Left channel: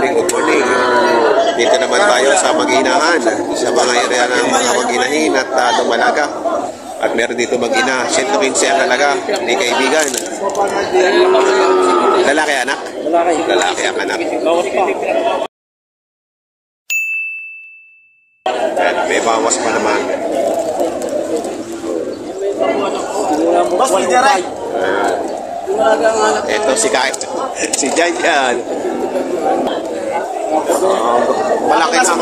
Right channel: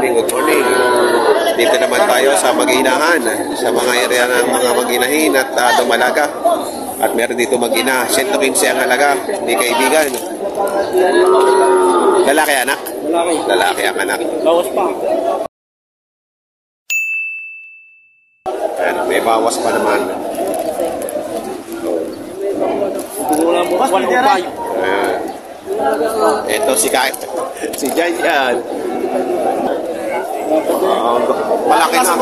morning, good morning. Dito naman tayo sa Mag-inahan, sa mga area ng mga mag-inahin at dumalaga. At meron dito mag-ina, 115 ang halaga, hindi kaibigan. Lalaki anak? Lalaki ang anak. At may bawas pa naman. Ito si Kai. Si Jan yan. Malaki na.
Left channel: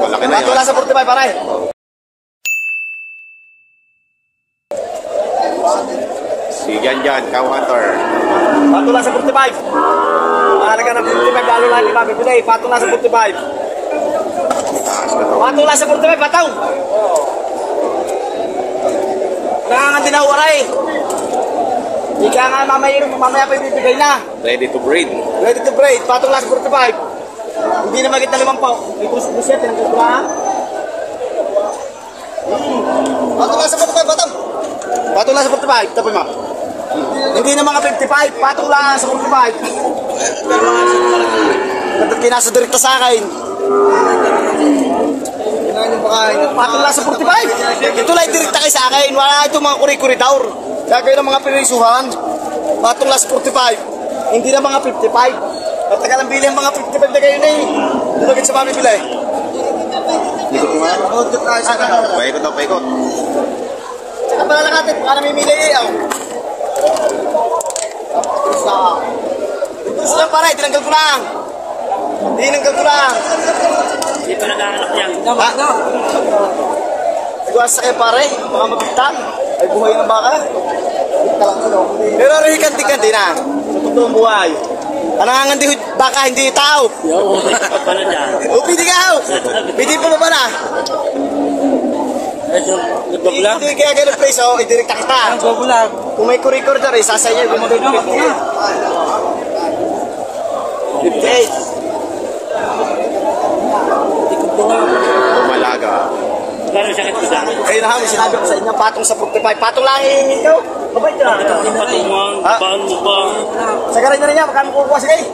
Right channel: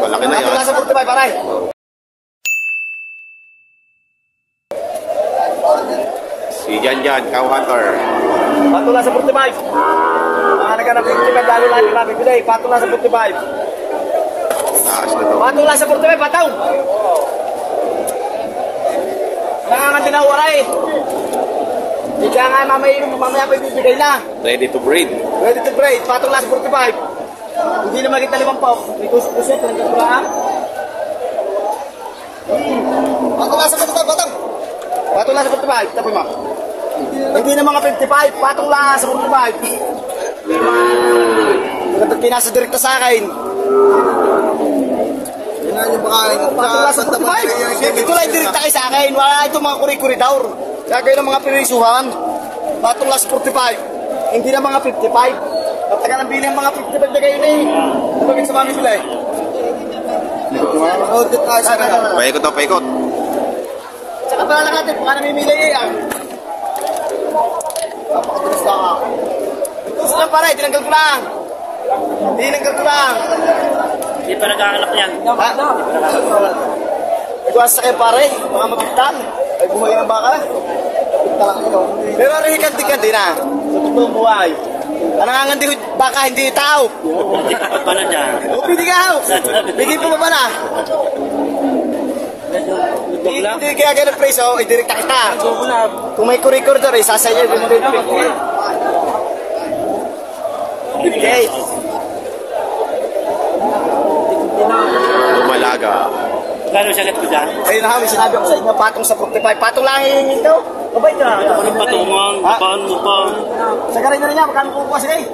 Malaki na yan. Patula sa 45, paray. Si Jan, cow hunter. Patula sa 45. Halaga na 45, lalo lang yung mabibili. Patula sa 45. Taas na to. Patula sa 45, pataw. Nangangan din ako, aray. Hindi ka nga mamaya pa ibibigay na. Ready to breed. Ready to breed, patula sa 45. Hindi na magit na 5 pa. Ito sa buset, pinagkakulahan. Patula sa 45, pataw. Patula sa 45, tapoy mo. Hindi na mga 55, patula sa 45. Pinasa direkta sa akin. Patula sa 45. Ito lang direkta kayo sa akin. Wala itong mga kuri-kuridor. Kaya kayo ng mga pinisuhan. Patula sa 45. Hindi na mga 55. Pagtagal ang bili ang mga 55 na kayo na eh. Lagit sa mami bilay. Paikot o paikot. Saka pala lang natin, baka namimili eh. Ito lang pare, tinanggal ko lang. Tinanggal ko lang. Hindi pa nag-aanak yan. Ha? Nagwasa kayo pare, mga mabigtan. Ay buhay ng baka. Pero rikanti-kanti na. Sa totoong buhay. Nanganganti baka, hindi yung tao. Upidi ka ho. Bigay po ba na? Hindi kaya ganun place, oh, idirekta kita. Kung may kuri-corridor, sasaya yung okay. Dumalaga. Kayo na may sinabi ko sa inyo, patong sa 45. Patong lang hihingi ito. Mabait ka. Babahan mo pa. Sagaran nyo rin niya, magkano kukuha sige.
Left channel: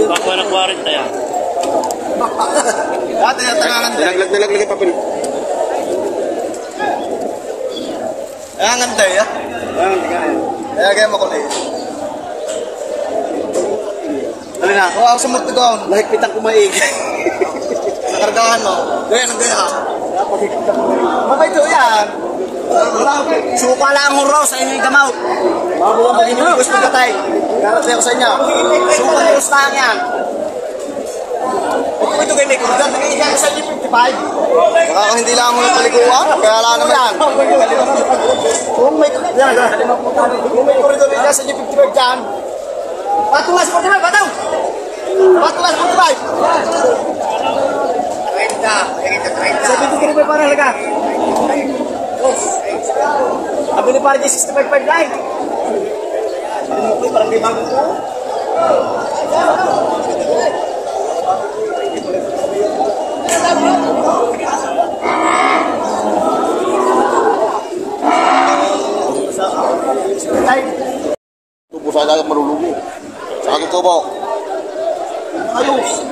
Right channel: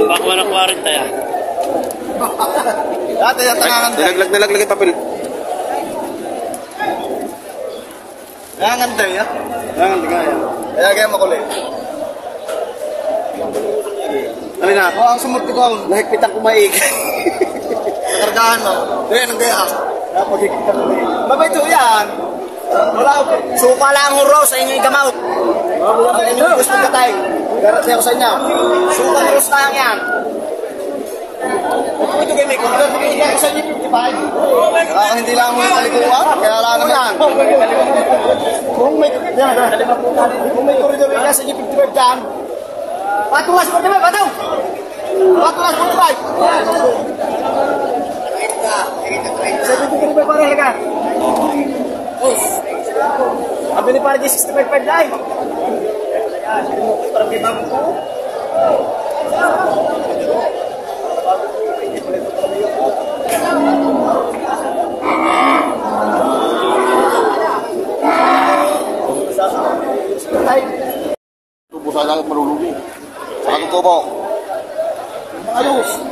Ba't wala 40 yan? Nalaglag yung papel. Nangangan tayo, ya? Kaya kaya makulay. Ano na? Oo, ang sumot ko. Nakikitang kumaig. Nakargahan mo. Kaya nang kaya. Napagkikita kumaig. Mabait ito yan. Suka lang ang huro sa inyong gamaw. Mabuha mo inyong gusto patay. Garanti ako sa inyo. Suka lang gusto lang yan. Kung ito kayo may kundang, mag-iiga sa inyo 55. Kaya hindi lang ang mga taliguan. Kaya lang naman. Kung may koridor iga sa inyo 55 dyan. Patulas 45, pataw! Patulas 45! 73 pa para halaga. Abi ni para 65 line. Parang limang ko. Tubo sa lahat marulugi. Saka tutubo. Ayos.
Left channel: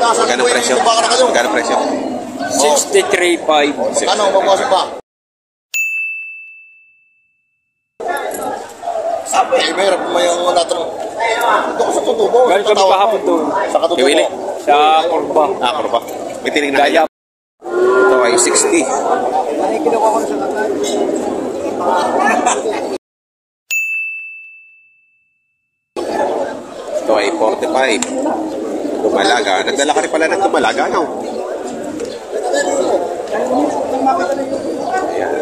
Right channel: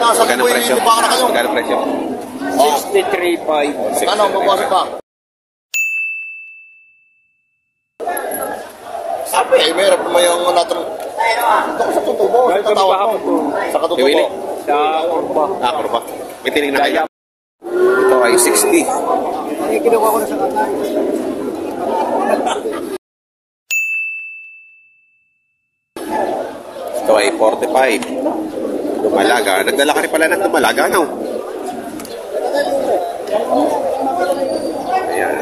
Magkano presyo? Magkano presyo? 63.5. Ano, mabuwasan pa? Sabi, eh, meron po may yung natin. Ito ko sa tutubo. Sa tatawag mo. Sa katutubo. Iwili? Sa Kurba. Kurba. May tinig na kaya. Ito ay 60. Ito ay 45. Dumalaga. Nagdala ka rin pala ng dumalaga, no? Ayan.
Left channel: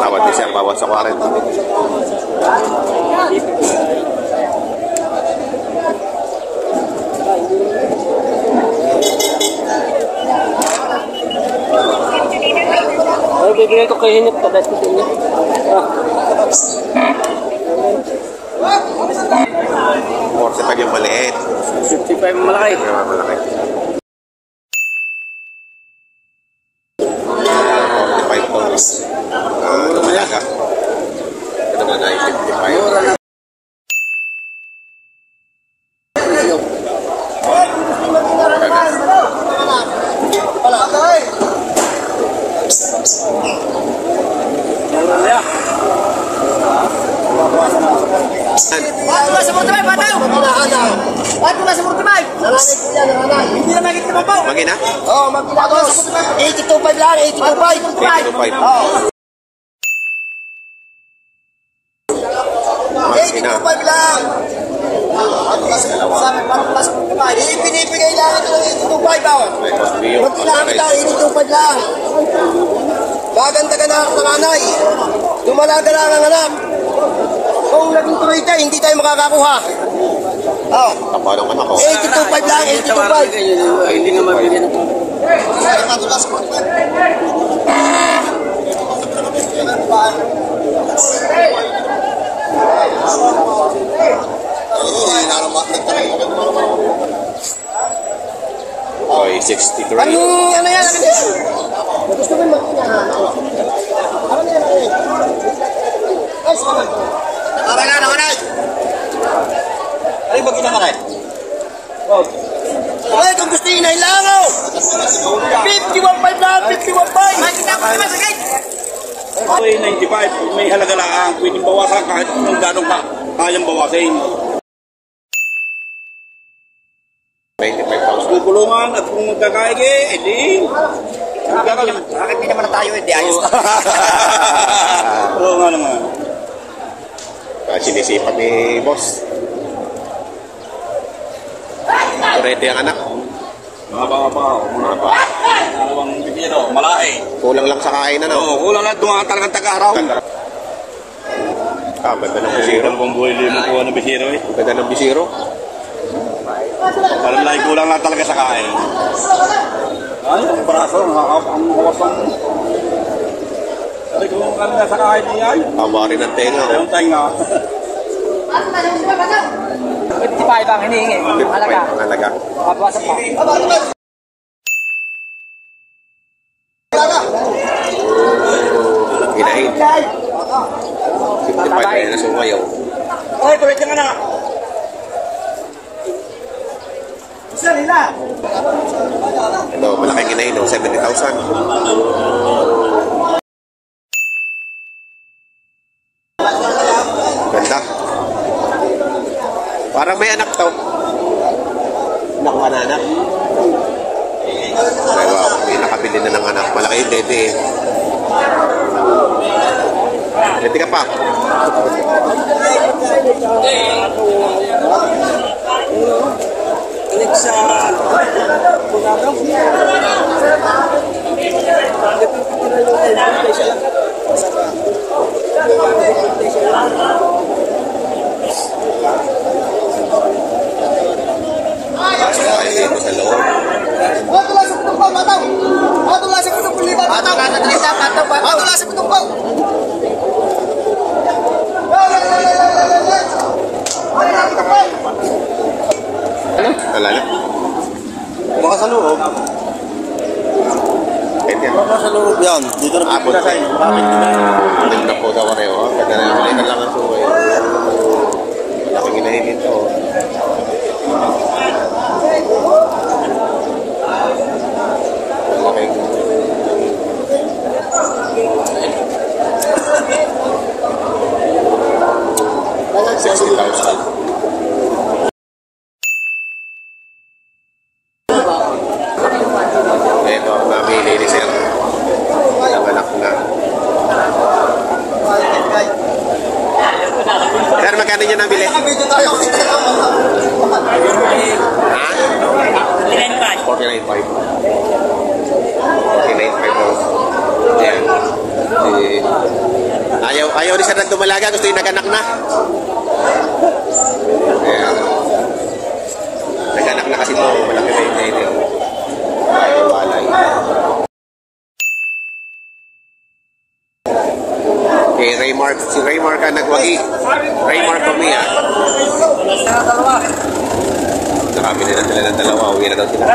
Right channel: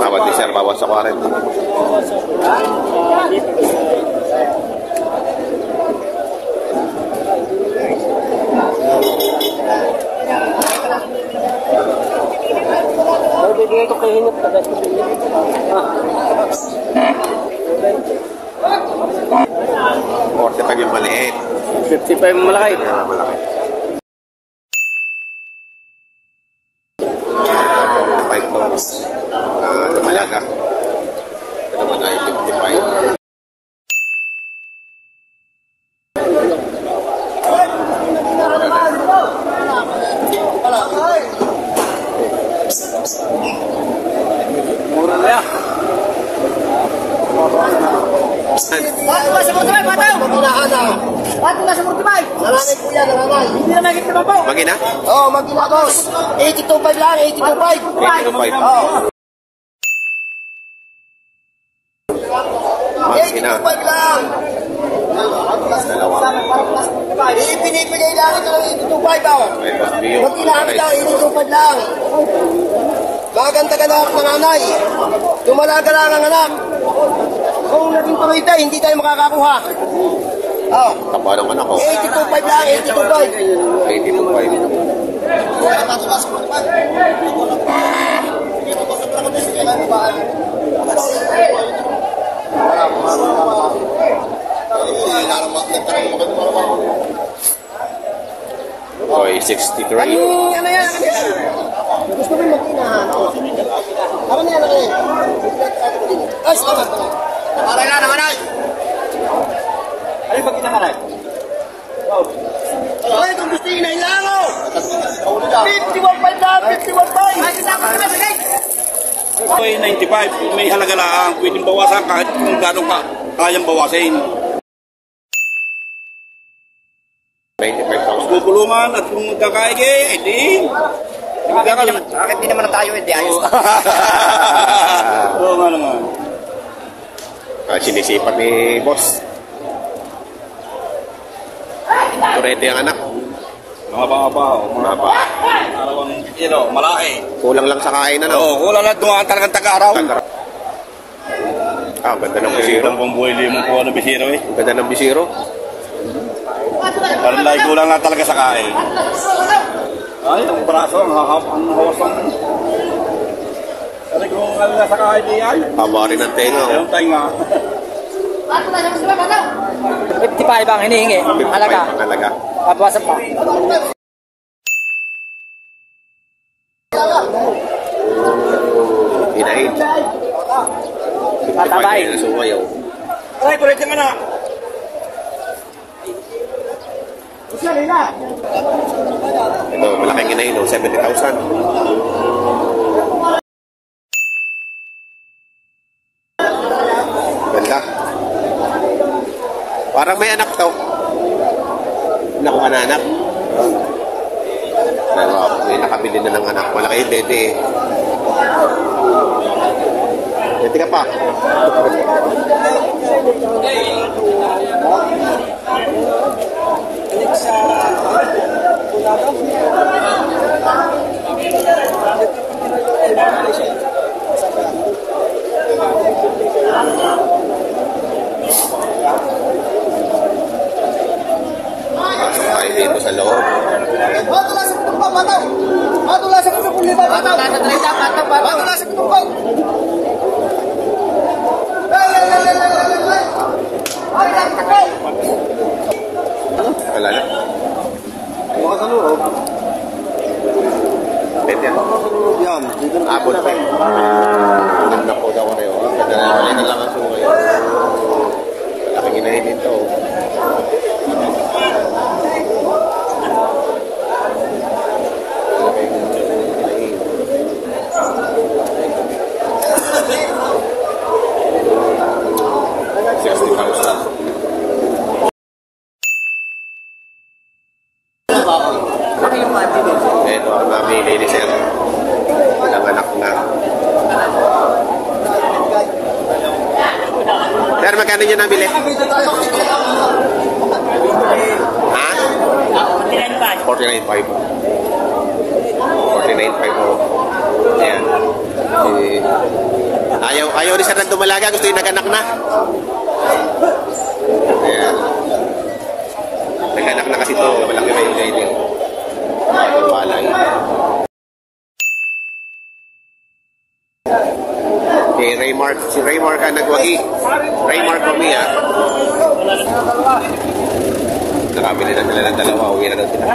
Tawad ni Sir, bawas sa 40. Bigay ko kay Hinip. 45 yung maliit. 55 malaki. Yung malaki. 45 to. Lumalaga. Ito naman ay 55. Patula sa Murtibay, bataw! Maginahan. Patula sa Murtibay. Nananay po yan, nananay. Hindi na nagit naman po. Magina? Oo, magina to. 82.5 lang, 82.5. 82.5. Oo. Magina. 82.5 lang. Dalawa. Pinipigay lang ito ng 82.5 ako. May cost view. Maginahan kita, 82.5 lang. Maganda ka na ng nanay. Tumalaga lang ang anak. Kung naging tuloy tayo, hindi tayo makakakuha. Oh. Kapalong anak ko. 82.5 lang, 82.5. Ay, hindi mo mabigyan ako. Oy, 63. Ano yan? Ano yan? Gusto mo yung mag-inahan? Ano yan? Ano yan? Ay, salamat. Para nga naman ay. Ano yung mag-inahan ay? Ay, kung gusto yung inahilang ako. 51.5 na, 51.5. Ay, kita ko naman sagay. May 95. May halaga lang. Pwedeng bawasan kahit kung gano'n ka. Kayang bawasin. 95,000. Tutulungan at kung magkakaig edi. Bakit di naman tayo, hindi ayos na. Oo nga naman. Sinisipan ni boss. Kurete ang anak. Mababa. Maba. Dalawang bitiro. Malaki. Kulang lang sa kain, ano? Oo, wala na dumaan talagang taga-araw. Ah, ganda ng bisiro. Ang pambuhay limang kuha ng bisiro eh. Ang ganda ng bisiro. Palay kulang na talaga sa kain. Ay, ang braso, ang hawasan. Kasi kung kami na sa kain niya, Haba rin ang tenga, oh. ang tainga. 55 ang hinihingi. 55 pang halaga. Papawasan pa. Hinahin. 55 na yun na sumayaw. Okay, tuloy ka na. Isa nila. Ito, malaking hinahin, oh. 70,000. Ganda. Parang may anak to. Nakuha na anak. Ay, wow. May nakabili na ng anak. Malaki yung dede eh. Dede ka pa. Pasok tayo dito sa loob. Patula sa putong pang, bataw. Patula sa putong pang, bataw. Patula sa putong pang. Wala na. Mga sa loob. Pwede yan. Sa loob yan. Dito na Abot pa. Tulim na po daw kayo. Ganda na wala na lang ang sungay. Malaking inahin dito. Malaking inahin. 60,000. Ito ang namili ni Sir. Ilang anak na. Sir, magkano nyo nabili? Ha? 49.5. 49.5. Ayan. Ayaw ni Sir na dumalaga. Gusto yung nag-anak na. Ayan. Nag-anak na kasi ito. Malaki na yung dede. Walay. Kay Ray Si Raymar ka nagwagi. Raymar kami ha. Nakabili na sila ng dalawa. Uwi na daw sila.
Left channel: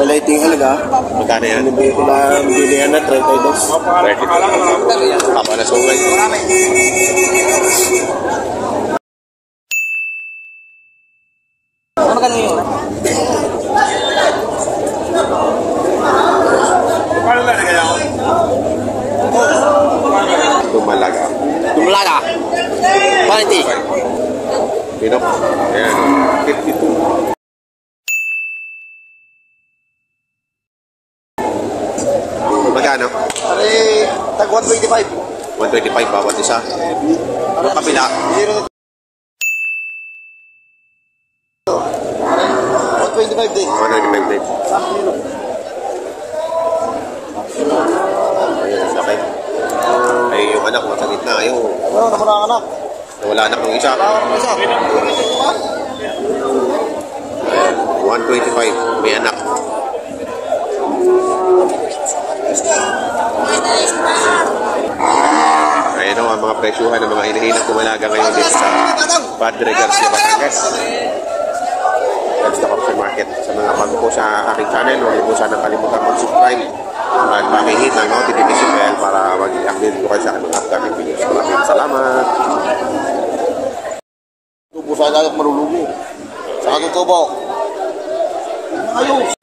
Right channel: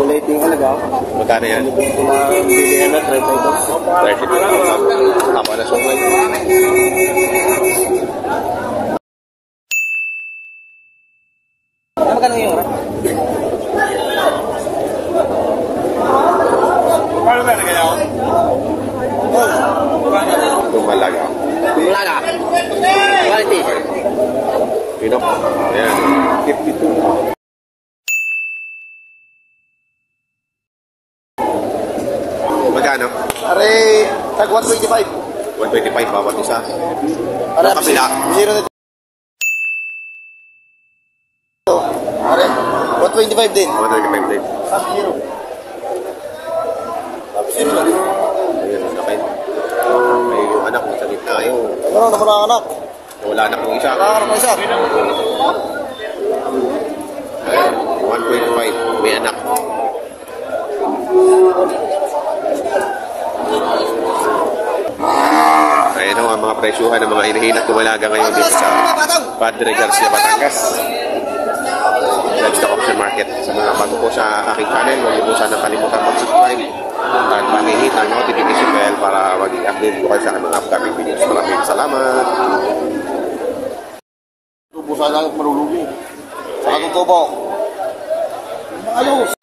Wala iting halaga. Magkano yan? Hindi ko na bilihan na 32,000. Tama na sungay. Ano ka nung yun? Dumalaga. Dumalaga. Quality. Pinok. Ayan. 52. Magkano? Pare, tag 125. 125 bawat isa. Yung kapila. 125 din. 125 din. Ayan, sakit. Ay, yung anak, nasa gitna. Ayun. Ano naman ang anak? Nawala anak ng isa. Ayan, 125. May anak. Ayan o ang mga presyuhan ng mga hinihinat tumalaga ngayon dito sa Padre Garcia, Batangas. That's the auction market. Sa mga bago po sa aking channel, huwag niyo po sana kalimutan mag-subscribe at pakihit ng notification bell para maging update po kayo sa aking mga upcoming videos. Maraming salamat. Lubo sa dagat marulubo. Sa katutubo. Ayos.